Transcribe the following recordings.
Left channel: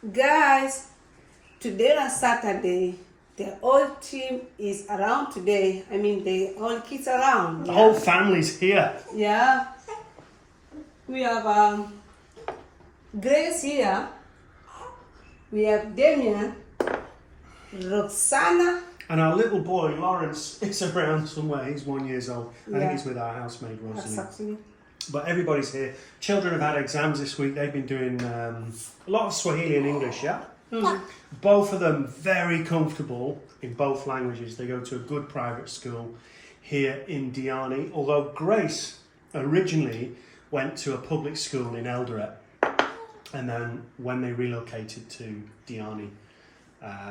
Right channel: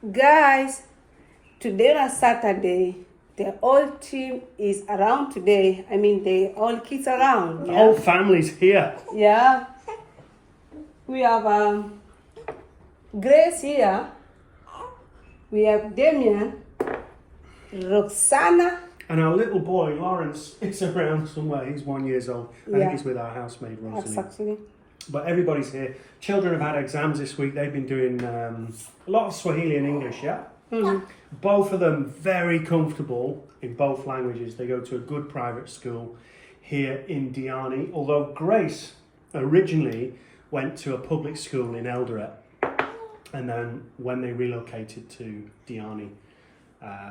Guys, today on Saturday, the whole team is around today. I mean, the all kids around. The whole family's here. Yeah. We have Grace here. We have Damien, Roxana. And our little boy, Lawrence, is around somewhere. He's 1 year old. I think Yeah. he's with our housemaid, Rosalie. Exactly. But everybody's here. Children have had exams this week. They've been doing a lot of Swahili and English, yeah? Mm-hmm. Both of them very comfortable in both languages. They go to a good private school here in Diani. Although Grace originally went to a public school in Eldoret. And then when they relocated to Diani,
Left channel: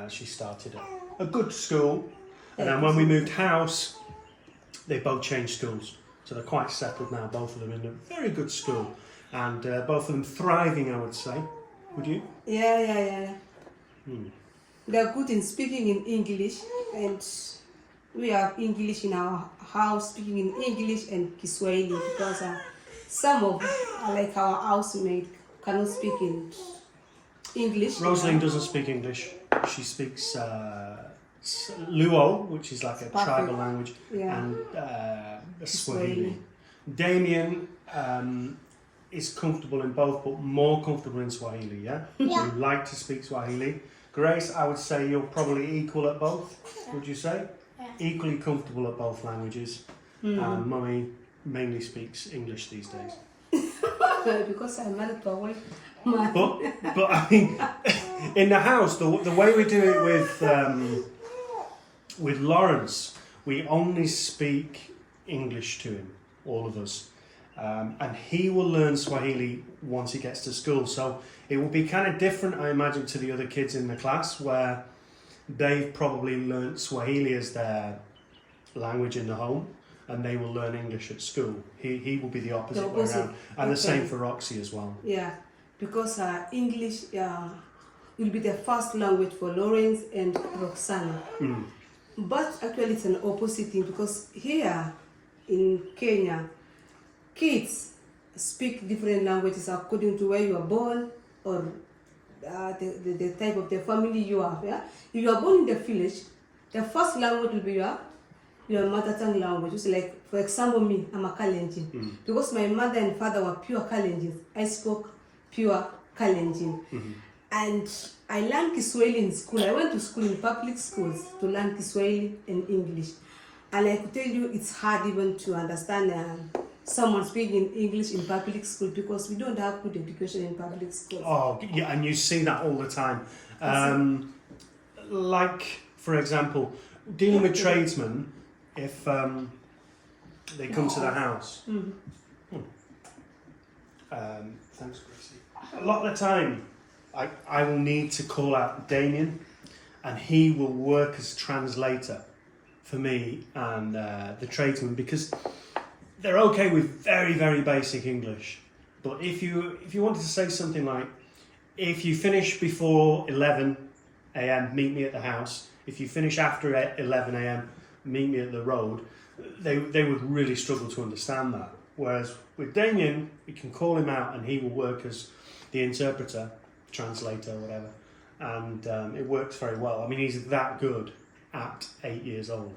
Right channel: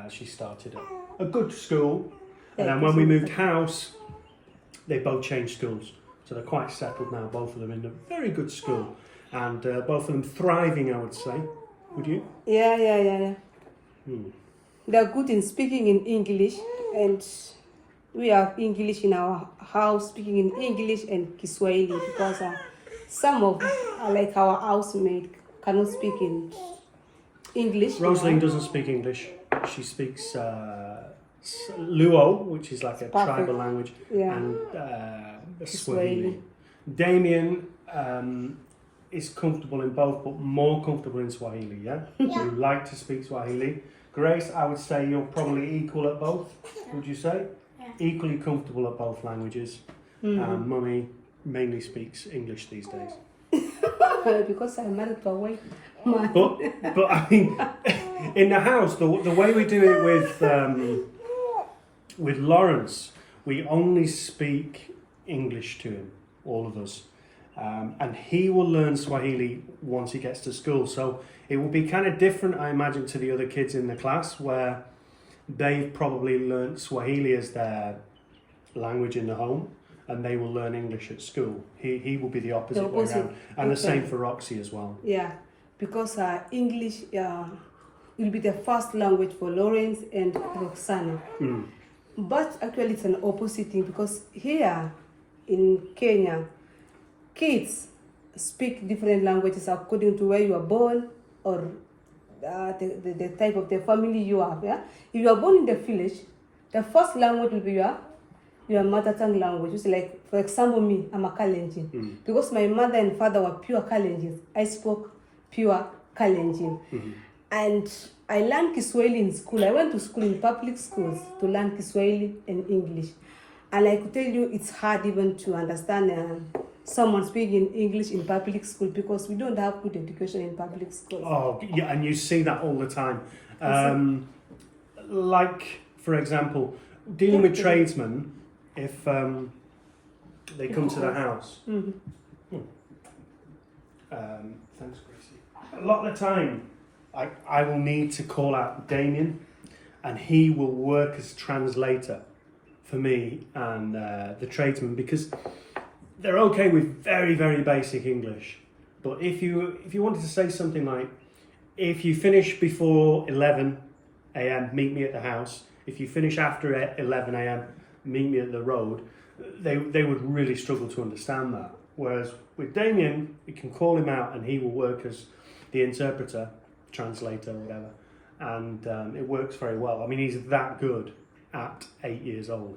she started a good school. And then when we moved house, they both changed schools. So they're quite settled now, both of them in a very good school. And both of them thriving, I would say. Would you? Yeah. They're good in speaking in English, and we have English in our house, speaking in English and Kiswahili, because some of, like our housemaid, cannot speak in English. Rosalind doesn't speak English. She speaks Luo, which is like a tribal language, Yeah. and Swahili. Swahili. Damien is comfortable in both, but more comfortable in Swahili, yeah? You like to speak Swahili. Grace, I would say you're probably equal at both, would you say? Yeah. Equally comfortable at both languages. Mummy mainly speaks English these days. Because I'm married to a white man. But I mean, in the house, the way we do it with Lawrence, we only speak English to him, all of us. And he will learn Swahili once he gets to school. So it will be kind of different, I imagine, to the other kids in the class, where they've probably learnt Swahili as their language in the home, and they will learn English at school. He will be the opposite way around. And the same for Roxy as well. Yeah, because English will be the first language for Lawrence and Roxana. But actually it's an opposite thing, because here in Kenya, kids speak different languages according to where you are born, or the type of the family you have. Yeah? If you are born in the village, the first language will be your mother tongue language. Which is like, for example, me, I'm a Kalenjin. Because my mother and father were pure Kalenjins, I spoke pure Kalenjin. And I learned Kiswahili in school. I went to school in public schools to learn Kiswahili and English. And I could tell you it's hard even to understand someone speaking English in public school, because we don't have good education in public schools. Oh, yeah, and you see that all the time. Like, for example, dealing with tradesmen, if they come to the house. Thanks, Gracie. A lot of the time, I will need to call out Damien, and he will work as translator for me and the tradesman, because they're okay with very, very basic English. But if you wanted to say something like, if you finish before 11 a.m, meet me at the house. If you finish after 11 a.m, meet me at the road. They would really struggle to understand that. Whereas with Damien, we can call him out and he will work as the interpreter, translator, whatever. And it works very well. I mean, he's that good at 8 years old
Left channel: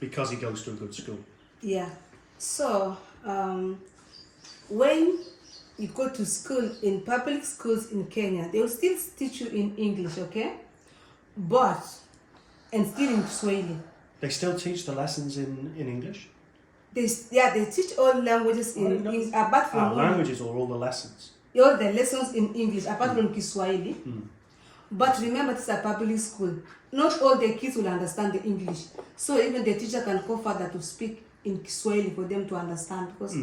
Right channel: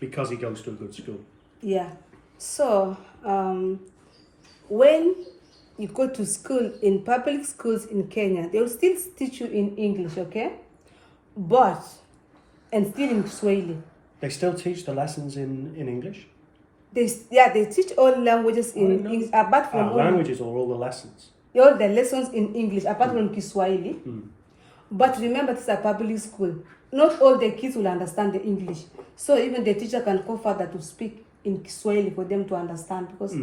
because he goes to a good school. Yeah. So, when you go to school, in public schools in Kenya, they will still teach you in English, okay? But, and still in Swahili. They still teach the lessons in English? They teach all languages in English, apart from languages or all the lessons? all the lessons in English, apart from Kiswahili. But remember, this is a public school. Not all the kids will understand the English. So even the teacher can call further to speak in Kiswahili for them to understand, because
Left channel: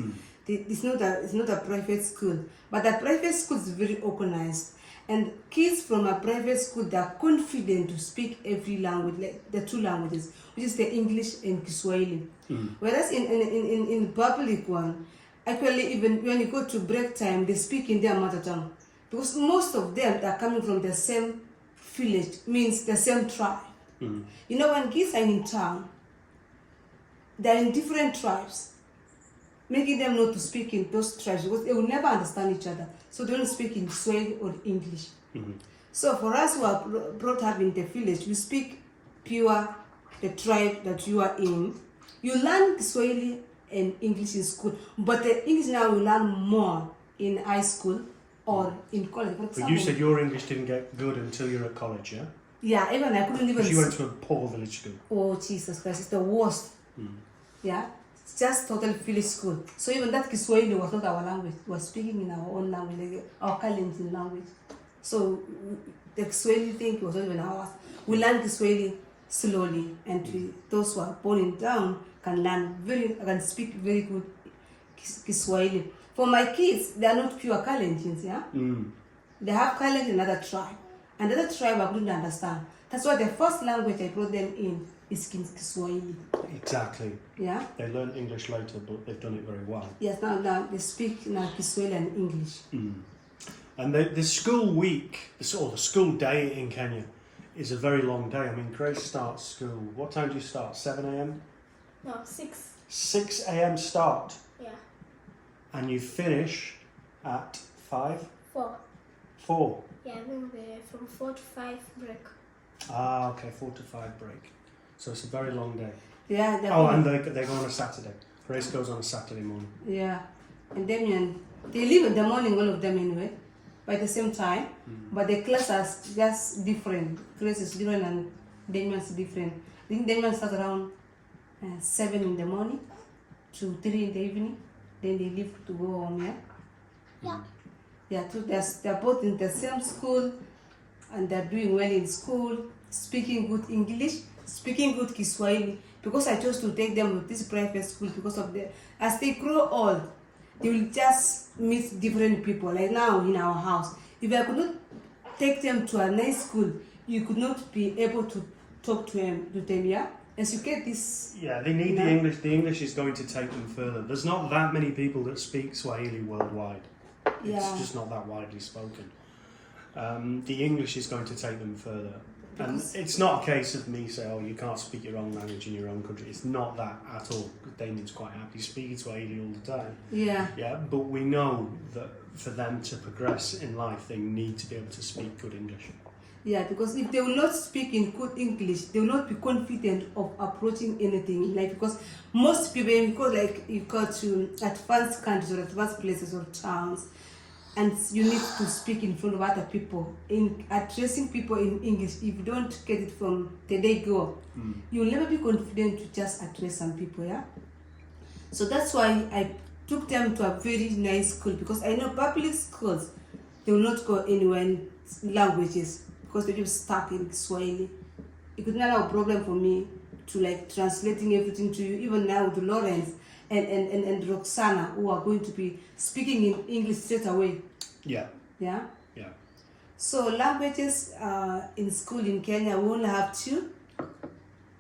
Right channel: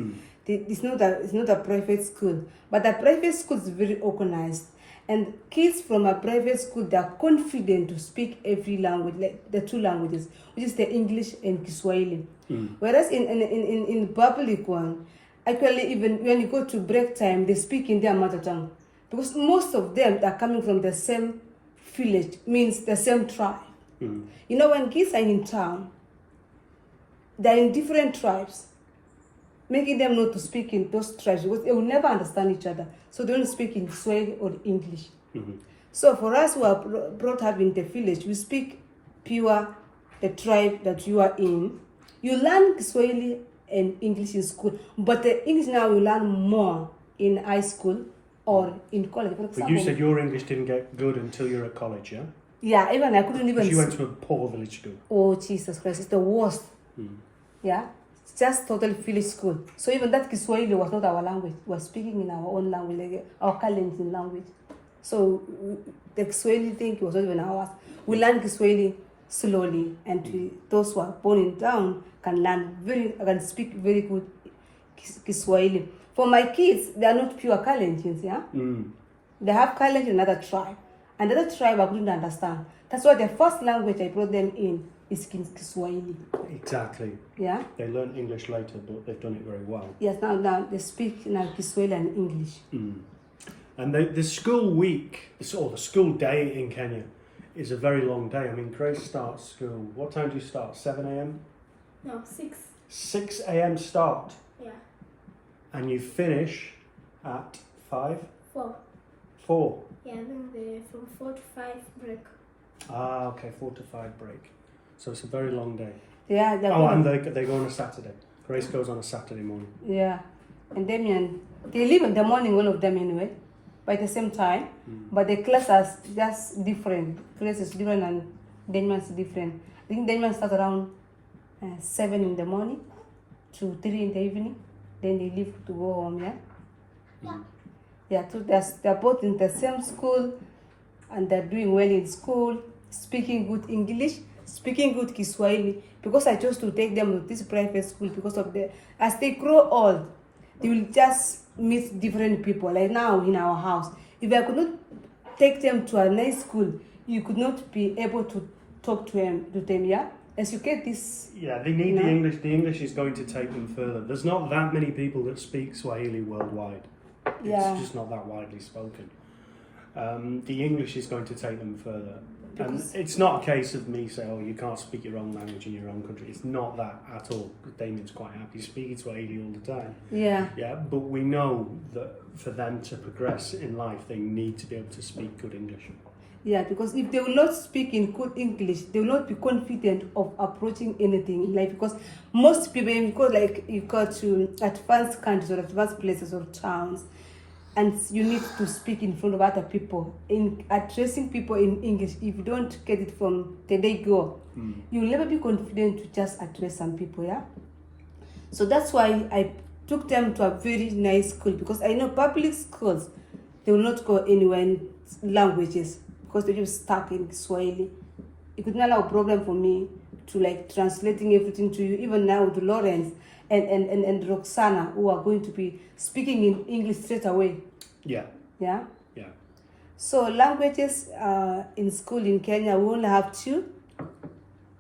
it's not a private school. But the private school is very organized. And kids from a private school, they are confident to speak every language, like the two languages, which is the English and Kiswahili. Whereas in public one, actually even when you go to break time, they speak in their mother tongue. Because most of them are coming from the same village, means the same tribe. You know, when kids are in town, they're in different tribes, making them not to speak in those tribes, because they will never understand each other. So they don't speak in Swahili or English. So for us who are brought up in the village, we speak pure the tribe that you are in. You learn Kiswahili and English in school, but the English now you learn more in high school or in college. For But example, you said your English didn't get good until you're at college, yeah? yeah, even I couldn't even. Because you went to a poor village school. Oh Jesus Christ, it's the worst. Yeah, it's just total village school. So even that Kiswahili was not our language. We were speaking in our own language, like our Kalenjin language. So the Kiswahili thing was not even ours. We learned Kiswahili slowly, and those who are born in town can speak very good Kiswahili. For my kids, they are not pure Kalenjins, yeah. They have Kalenjin in another tribe. Another tribe I couldn't understand. That's why the first language I brought them in is Kiswahili. Exactly. Yeah. They learned English later, but they've done it very well. Yes. Now they speak now Kiswahili and English. And the school week, or the school day in Kenya, is a very long day. I mean, Grace starts school. What time do you start? 7 a.m. No, 6. 6 a.m. start, Yeah. and you finish at 5, 4. 4. Yeah, then from 4 to 5 break. Ah, okay, 4 to 5 break. So it's a very long day. Yeah. Oh, and they go on a Saturday. Grace goes on a Saturday morning. Yeah. And Damien, they leave in the morning, all of them anyway, by the same time. But the class is just different. Grace is different and Damien's different. I think Damien starts around 7 in the morning to 3 in the evening. Then they leave to go home, yeah? Yeah. Yeah, so they're both in the same school and they're doing well in school, speaking good English, speaking good Kiswahili. Because I chose to take them to this private school because of as they grow old, they will just meet different people. Like now in our house, if I could not take them to a nice school, you could not be able to talk to them, yeah? As you get this. Yeah, they need the English. The English is going to take them further. There's not that many people that speak Swahili worldwide. It's just not that widely spoken. The English is going to take them further. And it's not a case of me saying, oh, you can't speak your own language in your own country. It's not that at all. Damien's quite happy speaking Swahili all the time. Yeah. Yeah, but we know that for them to progress in life, they need to be able to speak good English. Yeah, because if they will not speak in good English, they will not be confident of approaching anything in life. Because most people, you go to advanced countries or advanced places or towns, and you need to speak in front of other people. In addressing people in English, if you don't get it from the day go, you will never be confident to just address some people, yeah? So that's why I took them to a very nice school, because I know public schools, they will not go anywhere in languages, because they're just stuck in Swahili. It could not have a problem for me to translating everything to you, even now with Lawrence and Roxana, who are going to be speaking in English straight away. Yeah. Yeah. Yeah. So languages in school in Kenya, we only have 2,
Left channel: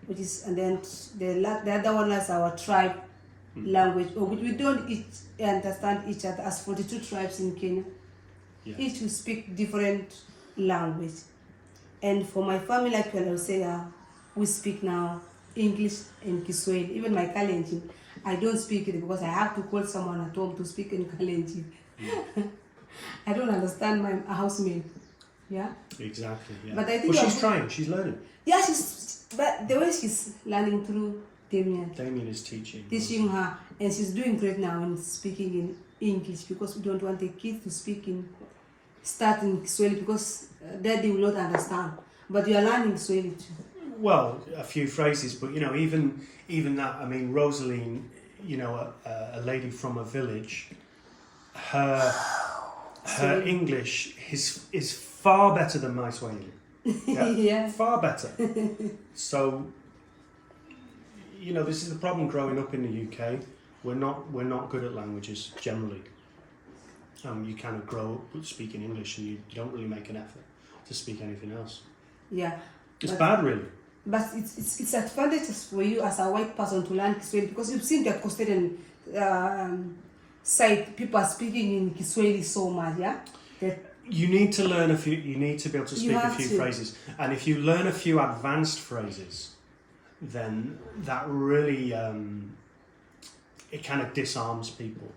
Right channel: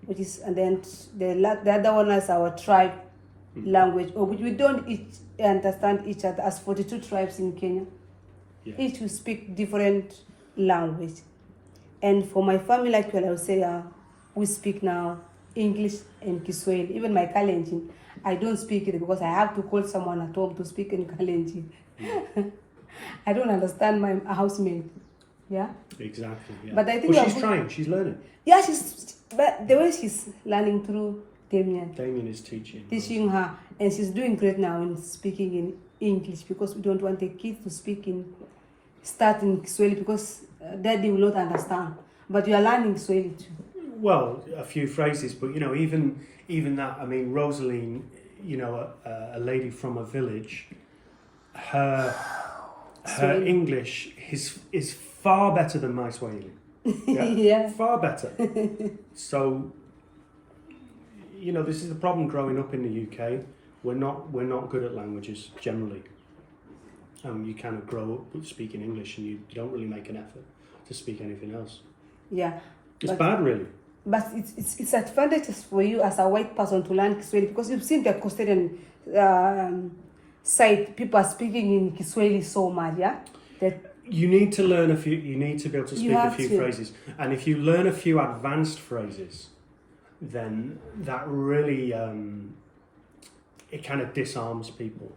which is, and then the other one is our tribe language, or which we don't understand each other, as 42 tribes in Kenya. Yeah. Each will speak different language. And for my family, actually, I would say we speak now English and Kiswahili. Even my Kalenjin, I don't speak it because I have to call someone at home to speak in Kalenjin. I don't understand my housemate. Yeah. Exactly. Yeah. But I think she's trying. She's learning. Yeah, but the way she's learning through Damien Damien is teaching her, and she's doing great now in speaking in English, because we don't want the kids to start in Kiswahili, because daddy will not understand. But you are learning Swahili too. Well, a few phrases, but even that. I mean, Rosaline, a lady from a village, her English is far better than my Swahili. Yeah, Yeah. far better. So, this is the problem growing up in the UK. We're not good at languages generally. You kind of grow up speaking English, and you don't really make an effort to speak anything else. Yeah. It's bad, really. But it's advantageous for you as a white person to learn Kiswahili, because you've seen the Costarian side, people are speaking in Kiswahili so much, yeah? You need to learn a few. You need to be able to speak a few to. phrases, and if you learn a few advanced phrases, then that really it kind of disarms people.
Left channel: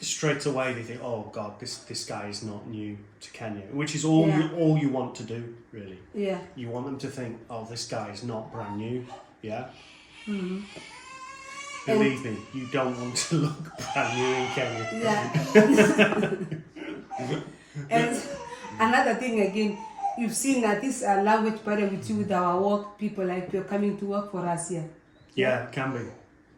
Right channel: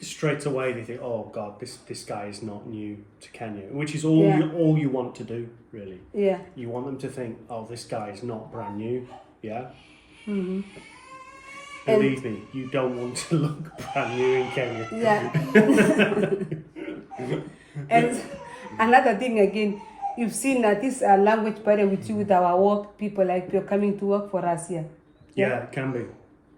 straight away they think, oh God, this guy is not new to Kenya, which is all Yeah. all you want to do, really. Yeah. You want them to think, oh, this guy is not brand new, yeah? Mm-hmm. Believe me, you don't want to look brand new in Kenya. Yeah. And another thing again, you've seen that this language barrier with you with our work people, like you're coming to work for us here. Yeah, it can be.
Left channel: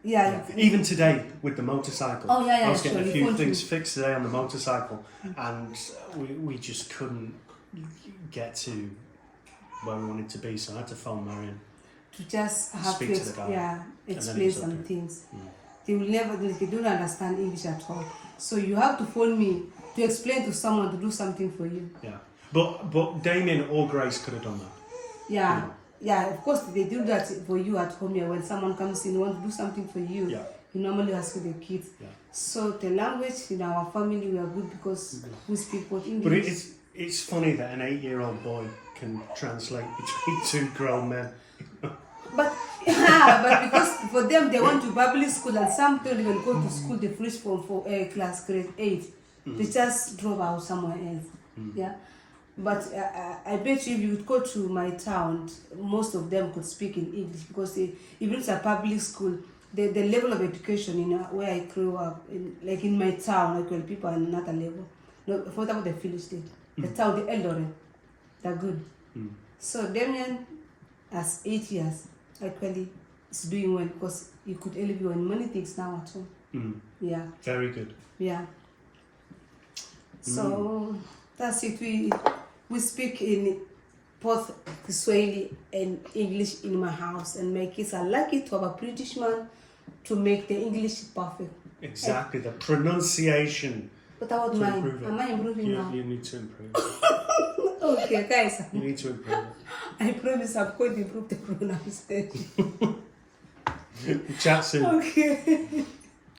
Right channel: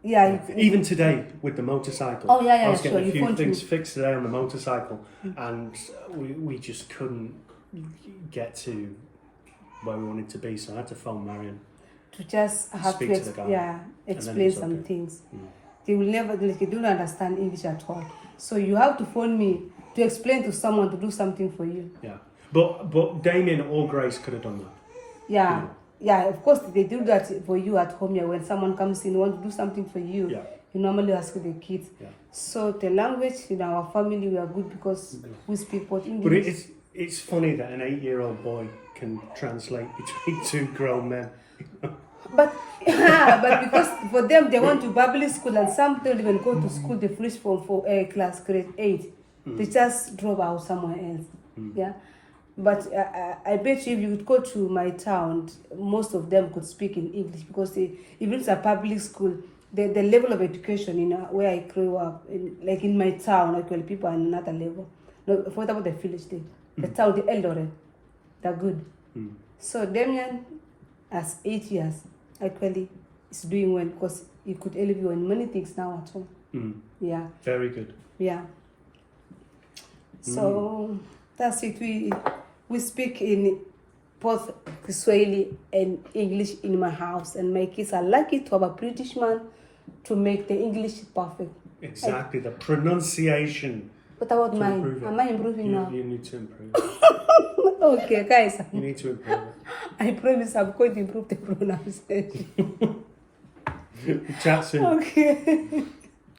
Yeah. Yeah. Even today with the motorcycle. Oh, yeah, I was getting sure, a you few phoned things me. fixed today on the motorcycle, and we just couldn't get to where we wanted to be, so I had to phone Marion. To just have Speak to the guy. yeah, then it explain was some okay. things. Mm. They will never, they don't understand English at all. So you have to phone me to explain to someone to do something for you. Yeah, but Damien or Grace could have done that. Yeah. You know. Yeah, of course they do that for you at home. Yeah, when someone comes in want to do something for you, Yeah. you normally ask the kids. Yeah. So the language in our family we are good because we speak both English. But it's funny that an 8-year-old boy can translate between two grown men. But but because for them they want to public school and some don't even go to school. They finish from class grade 8. They just drop out somewhere else. Yeah. But I bet you if you would go to my town, most of them could speak in English because if it's a public school, the level of education where I grew up, like in my town, actually people are on another level. No, what about the village thing? The town, the Eldoret, they're good. So Damien, as 8 years, actually is doing well because he could help you in many things now at home. Yeah, Very good. yeah. So that's it. We speak in both Kiswahili and English in my house, and my kids are lucky to have a British man to make the English perfect. Exactly, the pronunciation. What about To mine? improve it. Am I improving now? You need to improve it. Okay, guys. You need to improve it. I promise I'm going to improve the pronunciation. Chat soon. Okay.